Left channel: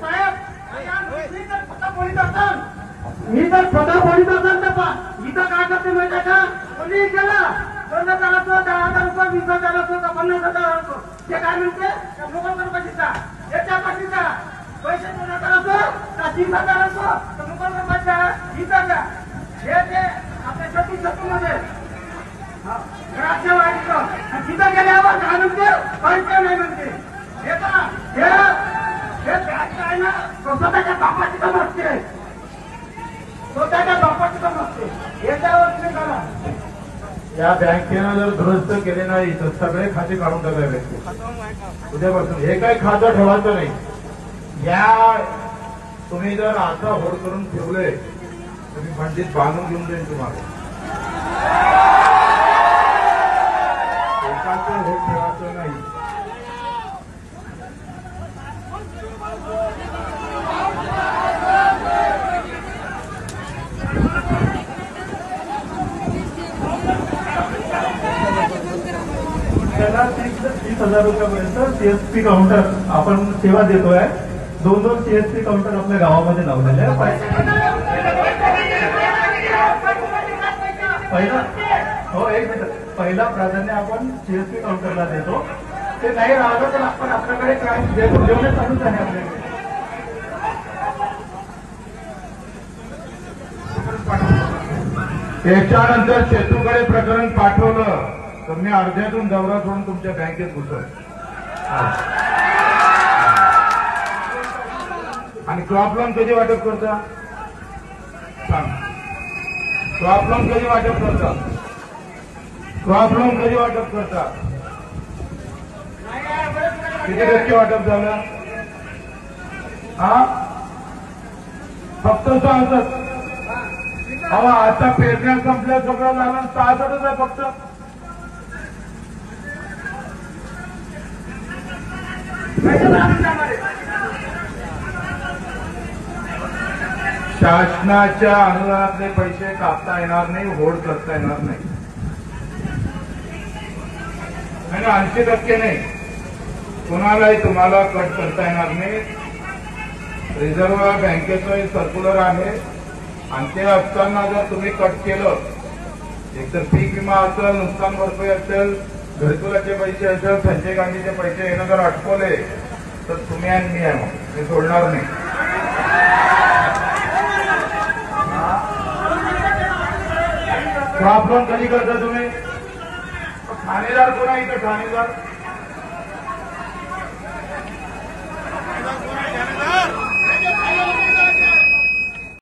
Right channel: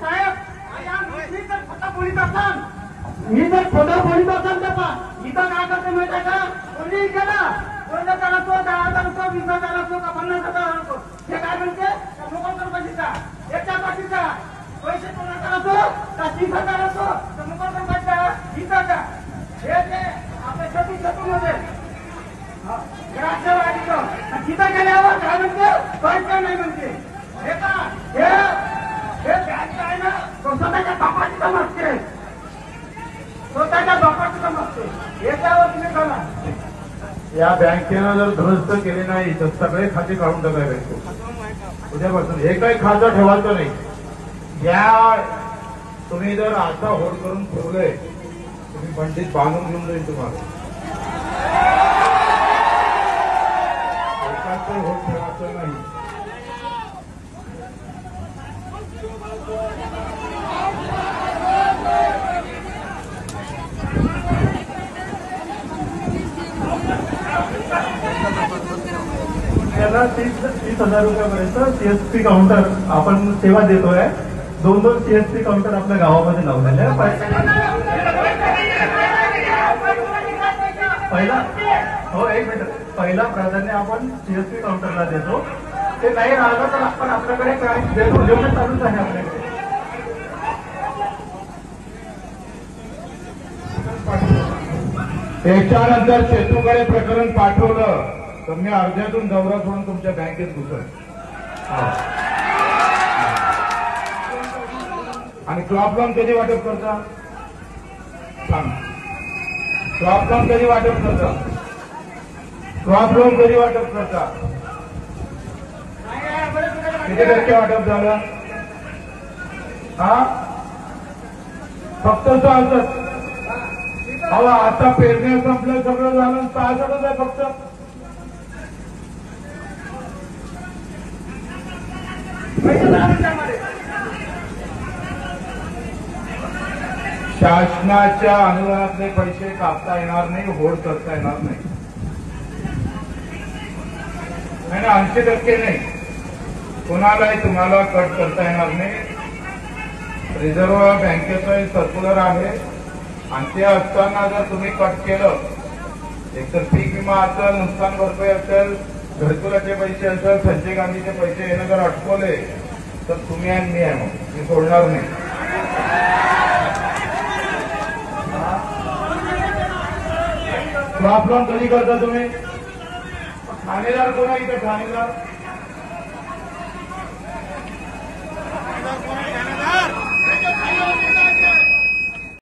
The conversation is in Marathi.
साहेब मी जर खोटा बोलीत असाल तर इथं काय करते माहिती का? कोणी गेला 15,000, 10,000, 20,000, 50,000 हे काय म्हणते लोकांकडे पैसा याच्या पाठीचा पैसे कोणाकडे असो का 30,000 असो तर लोकांकडे पैसा इथं का हे ते आपल्या सतीमध्ये तिथं गेल्यावर काय म्हणते पैसे नाही म्हणते हे का हे काय ना स्वतःच्या बापाची काम असते स्वतःच्या बापाची काम असते याच्यावर तुम्ही करा. या बँकेनं जर दुरुस्त केले नाही तर सगळे खाते काढून टाकावे उद्यापासून हे काही खातं ठेवायचं नाही. या तुम्ही जर आता होड करून ठेवले तुम्ही पंडित बांधून घेऊन जाईल तुम्हाला एकाचं होड ठेवायचं नाही. त्याला 30,000 रुपयापर्यंत सीएसपी काउंटर आपण सेवा देतोय. 2 सीएसपी काउंटर आपल्या गावामध्ये लावलेले पहिला प्राधान्य आपण सीएसपी काउंटरला देतो. ते नाही राहिलं तर आपण आपल्याकडे काय देणं चालूच आहे आपल्याकडे. त्याच्यानंतर शेतूकडे प्रकरण पाठवलं तर मी अर्ध्यातून दौरा सोडून तुमच्या बँकेत घुसल. आणि क्रॉप लोन कधी वाटप करता सांग. क्रॉप लोन कधी वाटप करता? क्रॉप लोन कधी वाटप करता? किती टक्के वाटप झालं? हा फक्त 66. अहो आता पेरण्या संपल्या सगळं झालं 66च आहे फक्त. शासनाच्या अनुदानातले पैसे कापता येणार नाही, होड करता येणार नाही. 80% नाही, कुणालाही तुम्हाला कट करता येणार नाही. रिझर्व्ह बँकेचं सर्क्युलर आहे आणि ते असताना जर तुम्ही कट केलं एकतर पीक विमा असेल, नुकसान भरपाई असेल, घरकुलाचे पैसे असेल, संजय गांधीचे पैसे येणं जर अटकवले तर तुम्ही आणि मी आहे मग मी सोडणार नाही. क्रॉप लोन कधी करता तुम्ही? ठाणेदार कोण आहे इथं? ठाणेदार